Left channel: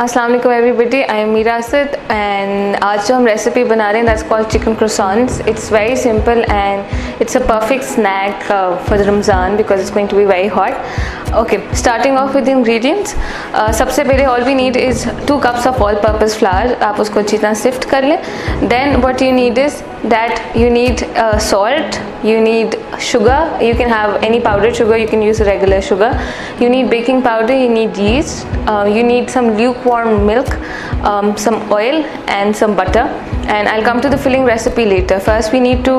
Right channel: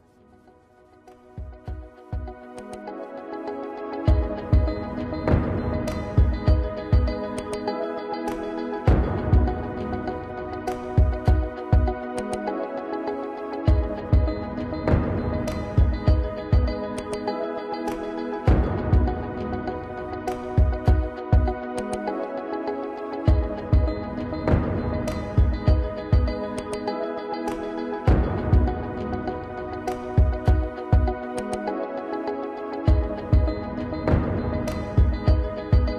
अस्सलाम वालेकुम everybody, I am Meera Asad and आज जो हम रेसिपी बना रहे हैं that's called chicken croissants. It's very simple and it's a perfect snack for the Ramzan because it's going to be very hot. Okay, starting off with the ingredients. सबसे पहले all we need is 2 cups of all purpose flour. आप उसको अच्छी तरह sift कर लें. Then what you need is that you need salt, you need sugar. You can have any powdered sugar, you can use regular sugar. You need baking powder, you need yeast, you need some lukewarm milk, some oil and some butter. And I'll come to the filling recipe later. First we need to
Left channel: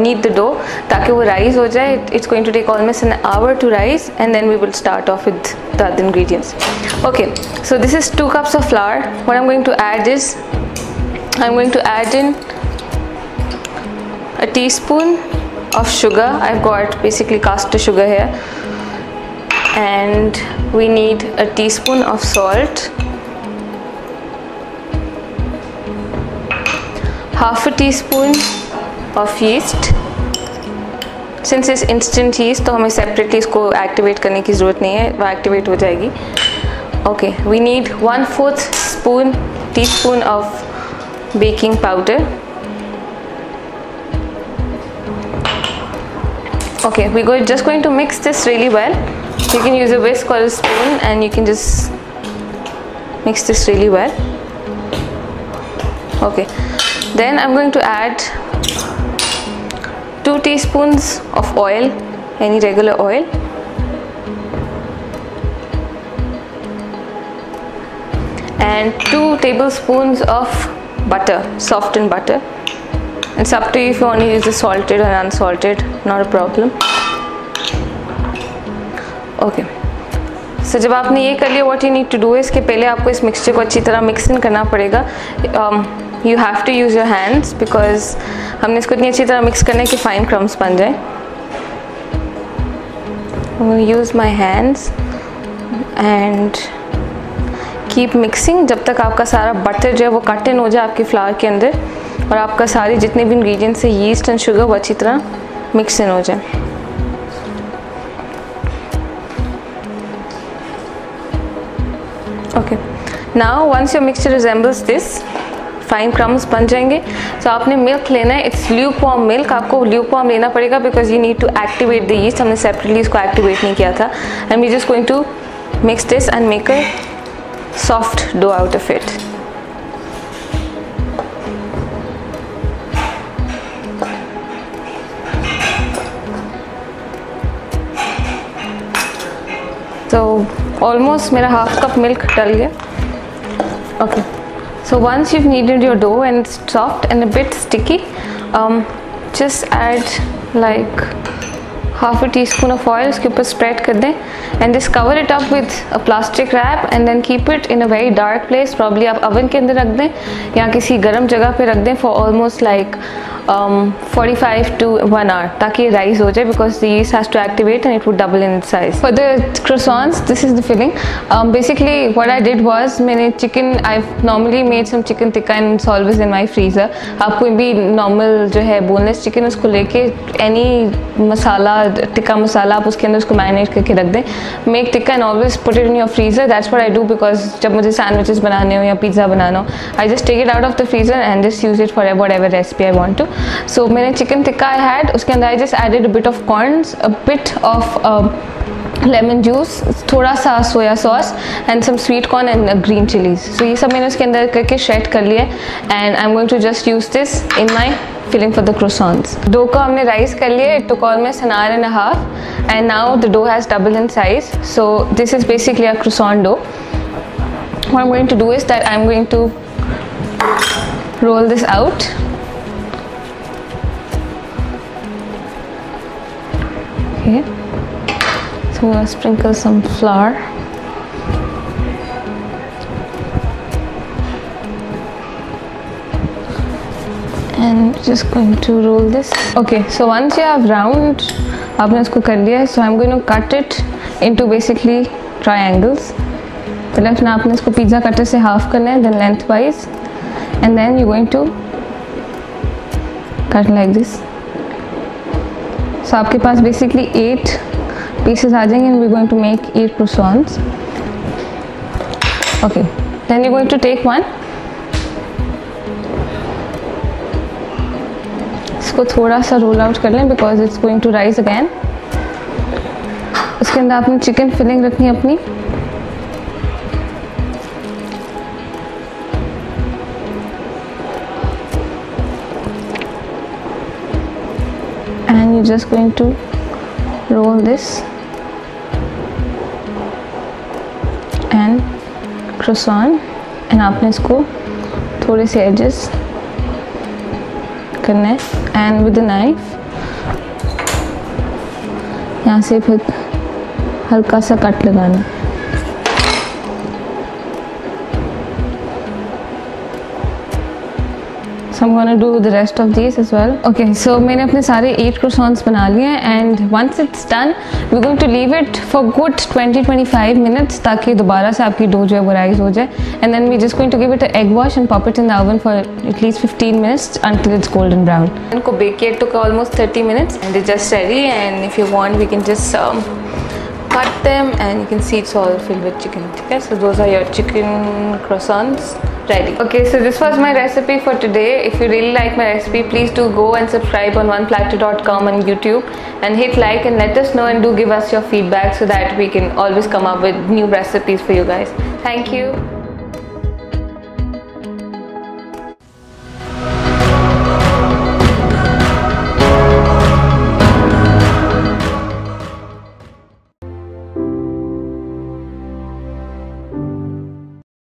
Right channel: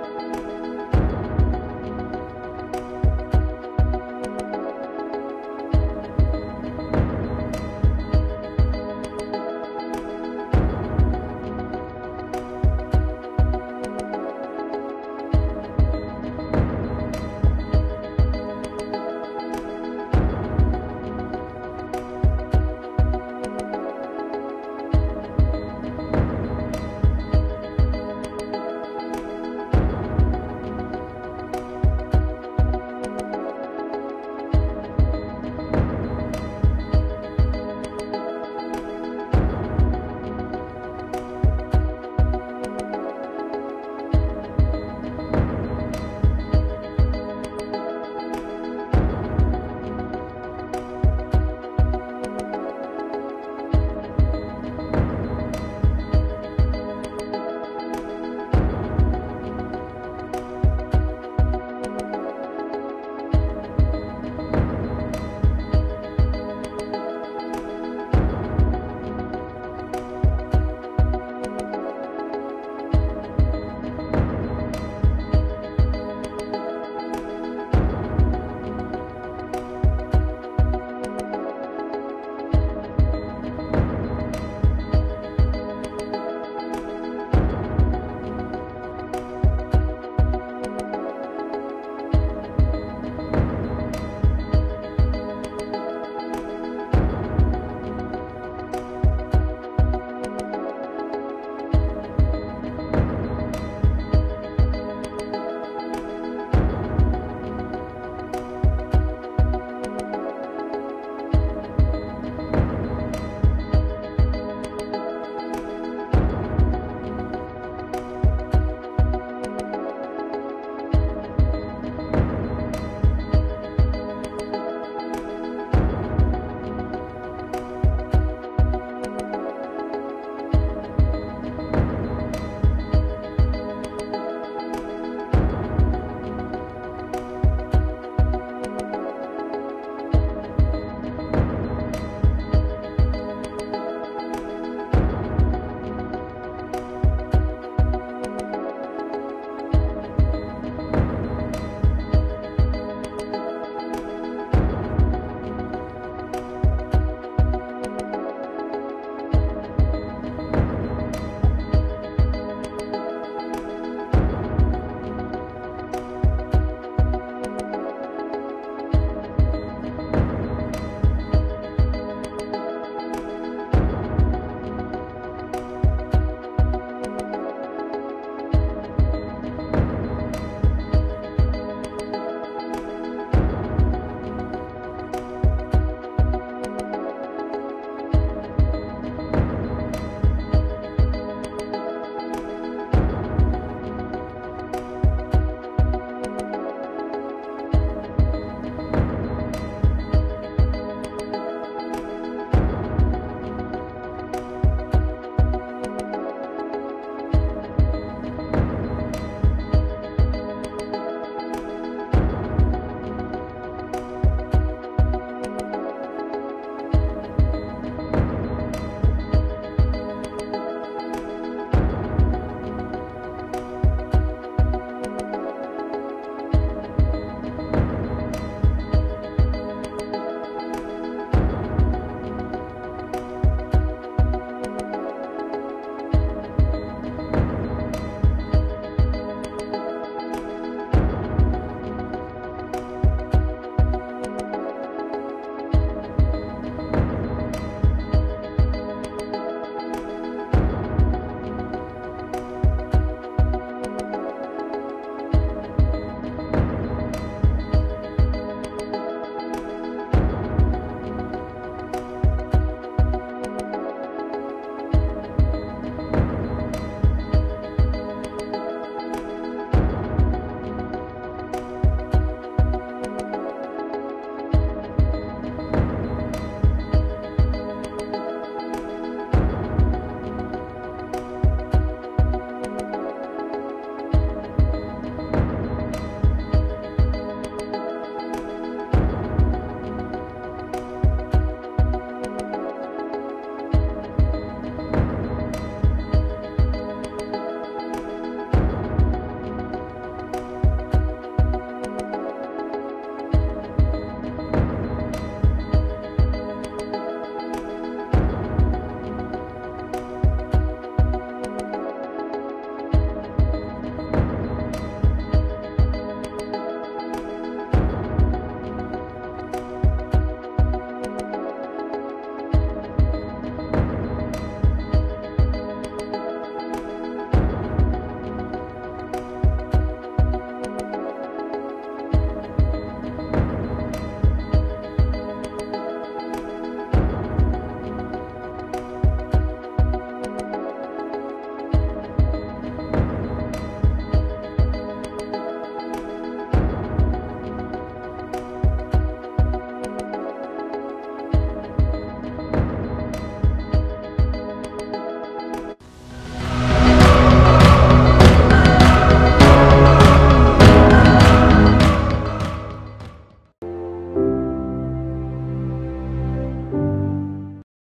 knead the dough ताकि वो rise हो जाए. It's going to take almost an hour to rise and then we will start off with the other ingredients. Okay, so this is 2 cups of flour. What I'm going to add is I'm going to add in a teaspoon of sugar. I've got basically caster sugar here, and we need a teaspoon of salt, half a teaspoon of yeast. Since it's instant yeast तो हमें separately इसको activate करने की ज़रूरत नहीं है, वो activate हो जाएगी. Okay, we need 1/4 teaspoon of baking powder. Okay, we're just going to mix this really well. You can use a whisk or a spoon and you can just mix this really well. Okay, then I'm going to add 2 teaspoons of oil, any regular oil, and 2 tablespoons of butter, softened butter. It's up to you if you want to use the salted or unsalted, not a problem. Okay, so जब आपने ये कर लिया, what you need to do is कि पहले आपको इस mixture को अच्छी तरह मिक्स इन करना पड़ेगा. You have to use your hands because हमने इसको इतनी अच्छी तरह मिक्स करना है कि फाइन क्रम्स बन जाए. I'm going to use my hands and keep mixing जब तक आपका सारा बटर जो है वो कट इन हो जाए आपके फ्लावर के अंदर और आपका सारे जितने भी इंग्रेडिएंट्स है यीस्ट एंड शुगर वो अच्छी तरह मिक्स इन हो जाए. Okay, now once your mixture resembles this, fine crumbs बन जाएंगे. तो आपने मिल्क लेना है. It's lukewarm milk. आपको ल्यूकवार्म लेना पड़ेगा because you need to activate the yeast. हमने सेपरेटली इसको एक्टिवेट नहीं किया था. And we just going to mix this and make a soft dough out of it. तो ऑलमोस्ट मेरा हाफ कप मिल्क डल गया. Okay, so once you've kneaded your dough and it's soft and a bit sticky, just add like half a teaspoon of oil. उसके ऊपर spread कर दें and just cover it up with a plastic wrap and then keep it in a very dark place. Probably आप oven के अंदर रख दें या किसी गर्म जगह पे रख दें for almost like 45 to 1 hour ताकि ये rise हो जाए because the yeast has to activate and it would double in size. For the croissants, this is the filling. Basically what I did was मैंने chicken, I've normally made some chicken tikka and it's always in my freezer. आप कोई भी normal जो है boneless chicken उसको लेके any मसाला टिक्का मसाला आप उसके अंदर उसको marinate करके रख दें. Make tikka and always put it in your freezer. That's what I do because जब मुझे sandwiches बनाने हो या pizza बनाना हो, I just take it out of the freezer and just use it for whatever recipe I want to. So मैंने chicken tikka I had, उसके अंदर I just added a bit of corns, a bit of lemon juice, थोड़ा सा soya sauce and some sweet corn and green chilies. So ये सब मैंने उसके अंदर करके shred कर लिया and I'm going to just use this in my filling for the croissants. Dough को हमने rise कर लिया. It took almost an hour and a half and now the dough has doubled in size. So this is basically a croissant dough. What I'm going to do is that I'm going to roll this out. Okay, so I'm going to sprinkle some flour and just going to roll this. Okay, so once you have round आपने इसको कर लिया है, so I'm going to cut it into basically triangles. पहले अपना आपने इसको pizza cutter से हाफ करना है, then lengthwise and then you're going to cut like this. So आपके पास basically 8 pieces आ जाएंगे and we're going to make 8 croissants. Okay, Then you're going to take one, इसको थोड़ा सा रोल आउट कर लें because it's going to rise again. उसके अंदर आपने चिकन फिलिंग रखनी है अपनी, and you're just going to roll this and croissant, and आपने इसको थोड़े से edges करना है, and with a knife यहाँ से फिर हल्का सा कट लगाना है। So I'm going to do the rest of these as well. Okay, so मैंने अपने सारे 8 croissants बना लिए हैं, and once it's done, we're going to leave it for good 20-25 minutes ताकि दोबारा से आपकी डो जो है वो राइज हो जाए, and then we're just going to give it an egg wash and pop it in the oven for at least 15 minutes until it's golden brown. इनको bake किया took almost 30 minutes and they're just ready, and if you want we can just cut them, and you can see it's all filled with chicken. Okay, so those are your chicken croissants ready. Okay, so this was my recipe for today. If you really like my recipe, please do go and subscribe on oneplatter.com on YouTube and hit like and let us know, and do give us your feedback so that we can always come up with new recipes for you guys. Thank you.